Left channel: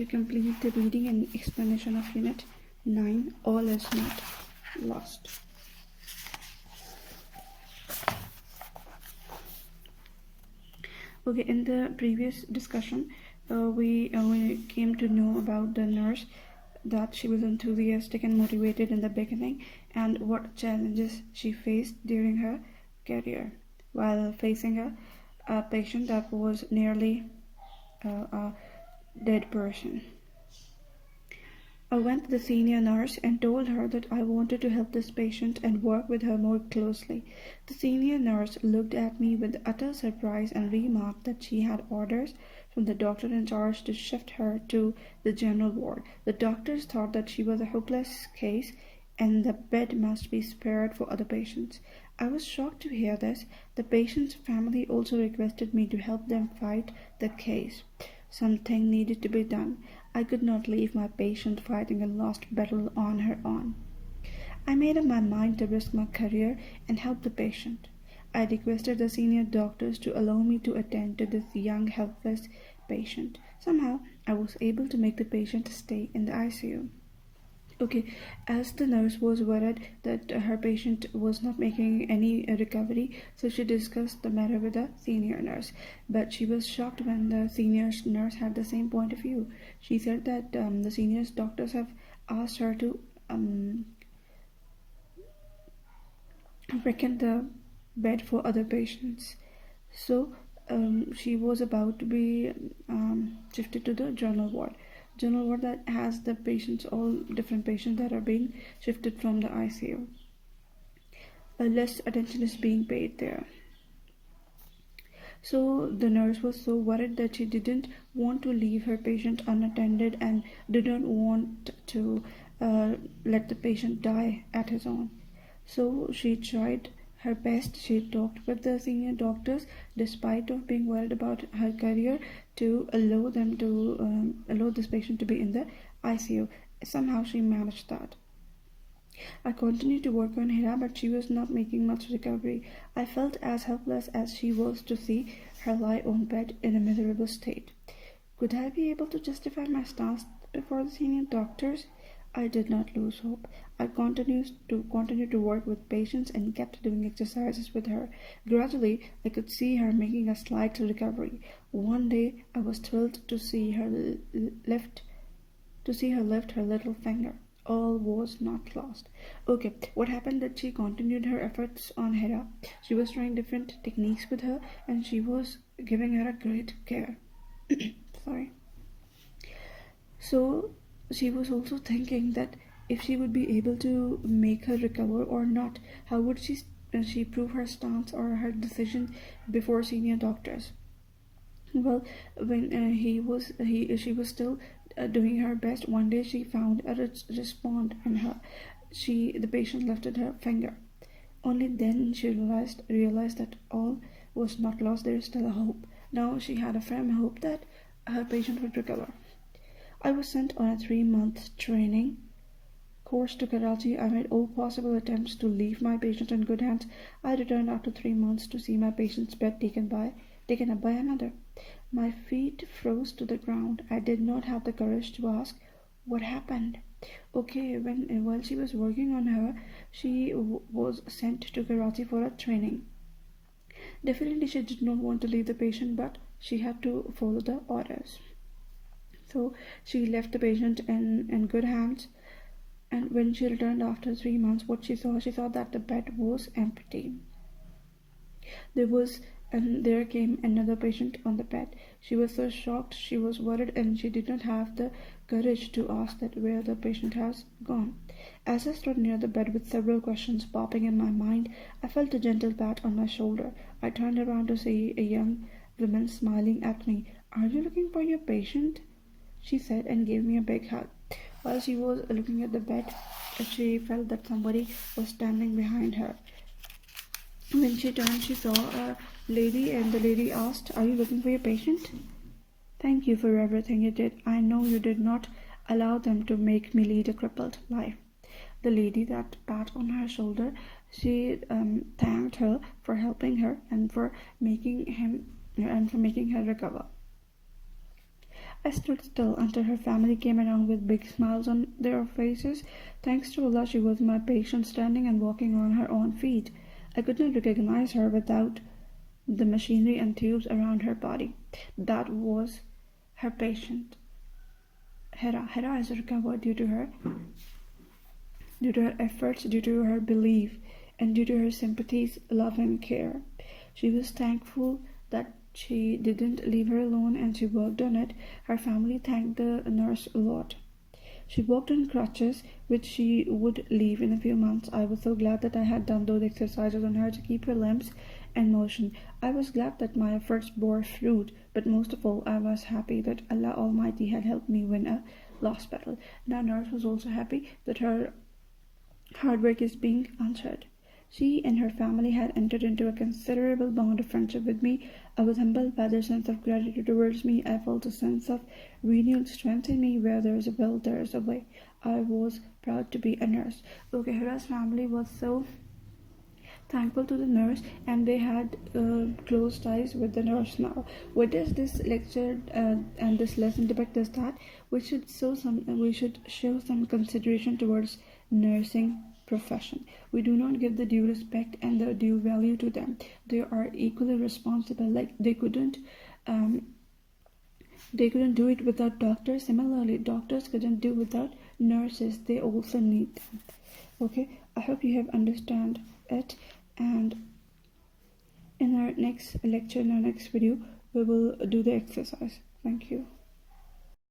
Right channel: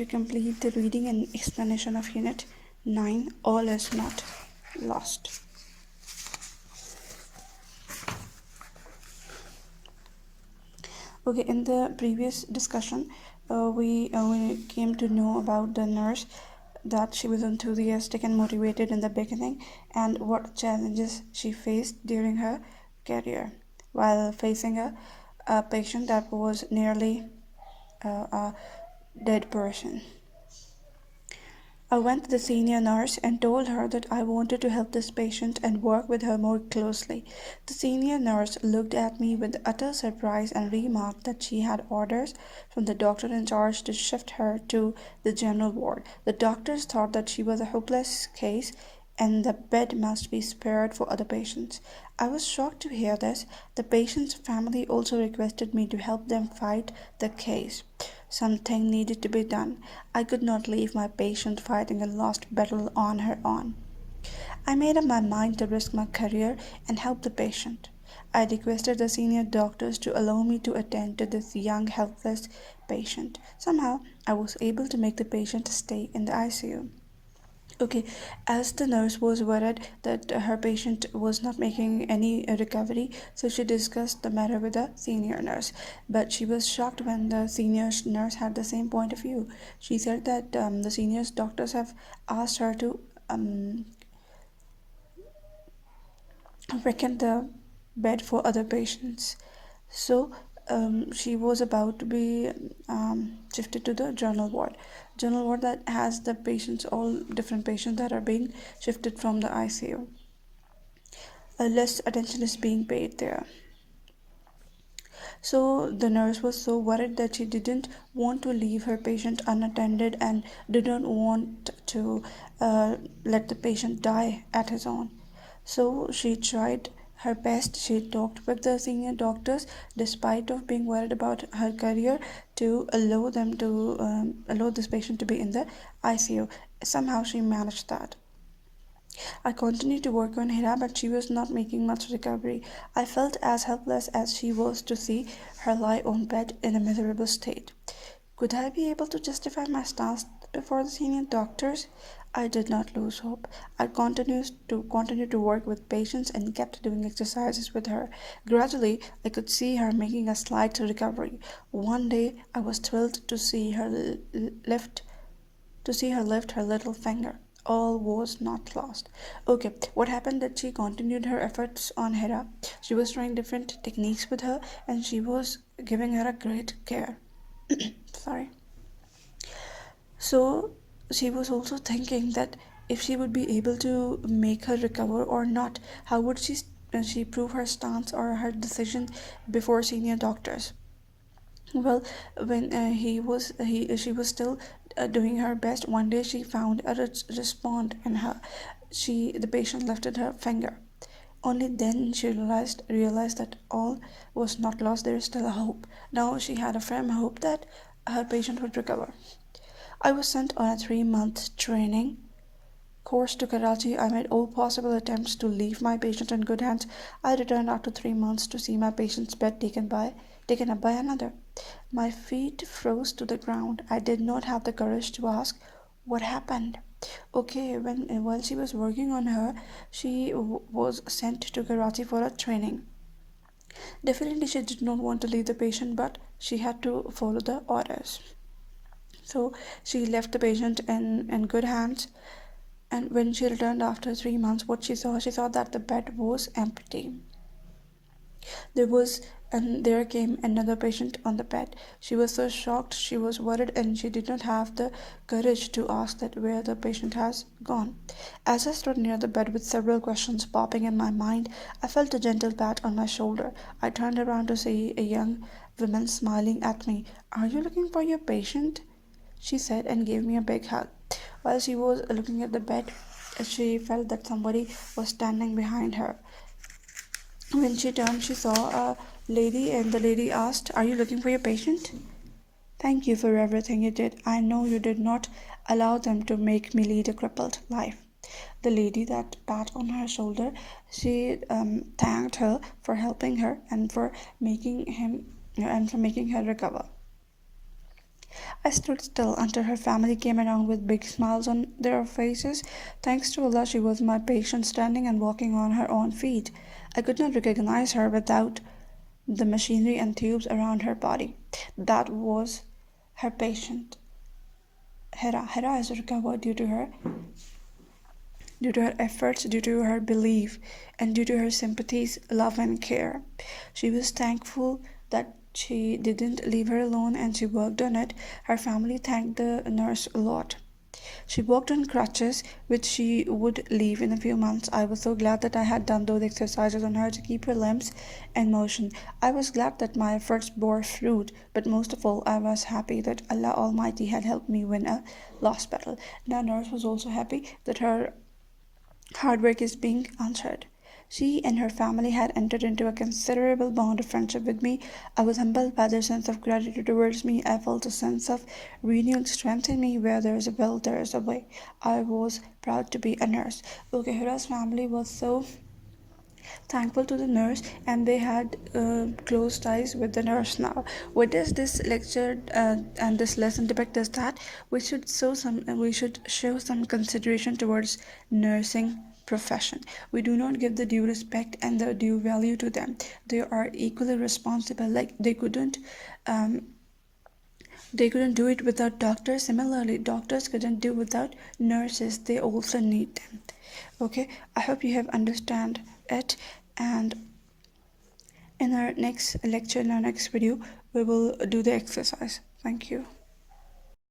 to complete the reading and explanation of Unit 9, All is Not Lost. Okay, in the previous discussion, we came to know about the nurse, that she was enthusiastic and motivated in the beginning, and what challenges she faced during her career while facing a patient that was nearly a dead person. I went to the senior nurse and told her that I wanted to help this patient and work with her more closely. The senior nurse looked at me with utter surprise and remarked that she had orders from the doctor in charge to shift her to the general ward. The doctors thought that she was a hopeless case and the bed must be spared for other patients. I was shocked to hear this. The patient's family also requested me to help them fight the case. Something needed to be done. I could not leave my patient fighting a lost battle on her own. I made up my mind to risk my career and help the patient. I requested the senior doctors to allow me to attend to this young, helpless patient. Somehow, I was able to make the patient stay in the ICU. Okay, as the nurse was worried that her patient was not making any recovery, so she discussed the matter with the senior nurse. But she was shocked when the senior nurse had the same point of view. She said that the senior doctors have asked her to vacant the bed for other patients. So she was about to be shifted to the general ward. General ward that has the patients, all different patients that are being shifted from the ICU. Less attention is being paid there. So the nurse was so worried that she didn't want to leave her patient unattended and didn't want to let the patient die at his own. So she tried her best. She talked with the senior doctors, despite of being worried about her career, to allow this patient to be in the ICU. Somehow she managed that. I continued to work on Hira, but she was not making much recovery. I felt as helpless as she was to see her lie on bed in a miserable state. Could I be able to justify my stance before the senior doctors? I did not lose hope. I continued to work with patients and kept doing exercises with her. Gradually, I could see her making a slight recovery. One day, I was thrilled to see her lift her little finger. All was not lost. Okay, what happened that she continued her efforts on Hera. She was trying different techniques with her and she was giving her a great care. Sorry. So she was also thinking that if she would be able to make her recover or not, how would she prove her stance or her decision before senior doctors? Well, when she was still doing her best. One day she found a response, and the patient lifted her finger. Only then she realized that all was not lost. There is still a hope. Now she had a firm hope that her patient would recover. I was sent on a 3-month training course to Karachi. I made all possible attempts to leave my patient in good hands. I returned after 3 months to see my patient's bed taken up by another. My feet froze to the ground. I did not have the courage to ask what happened. Okay, while she was working on her, she was sent to Karachi for a training. Definitely, she did not want to leave the patient, but she had to follow the orders. So she left the patient in good hands. And when she returned after 3 months, what she saw that the bed was empty. There came another patient on the bed. She was so shocked, she was worried, and she did not have the courage to ask that where the patient has gone. As I stood near the bed with several questions popping in my mind, I felt a gentle pat on my shoulder. I turned around to see a young woman smiling at me. "Are you looking for your patient?" she said, and gave me a big hug. While she was looking at the bed, she felt that somebody was standing behind her. When she turned, she saw a lady, and the lady asked, "Are you looking for your patient?" "Thank you for everything you did. I know you did not allow them to make me lead a crippled life." The lady that pat on her shoulder, she thanked her for helping her and for making her recover. I stood still until her family came around with big smiles on their faces. Thanks to Allah, she was my patient, standing and walking on her own feet. I could not recognize her without the machinery and tubes around her body. That was her patient. Hera. Hera is recovered due to her efforts, due to her belief, and due to her sympathies, love, and care. She was thankful that she didn't leave her alone and she worked on it. Her family thanked the nurse a lot. She walked on crutches, which she would leave in a few months. I was so glad that I had done those exercises on her to keep her limbs in motion. I was glad that my efforts bore fruit, but most of all, I was happy that Allah Almighty had helped me win a lost battle. The nurse was also happy that her hard work is being answered. She and her family had entered into a considerable bond of friendship with me. I was humbled by their sense of gratitude towards me. I felt a sense of renewed strength in me. Where there is a will, there is a way. I was proud to be a nurse. Okay, Hura's family was so thankful to the nurse, and they had close ties with the nurse. Now what does this lecture and this lesson depict is that we should show some consideration towards nursing profession. We do not give the due respect and the due value to them. They are equally responsible. Like um, they couldn't do it without doctors. Similarly, doctors couldn't do without nurses. They also need them. Okay, I hope you have understand it, and in our next lecture, in our next video, we will do the exercise. Thank you.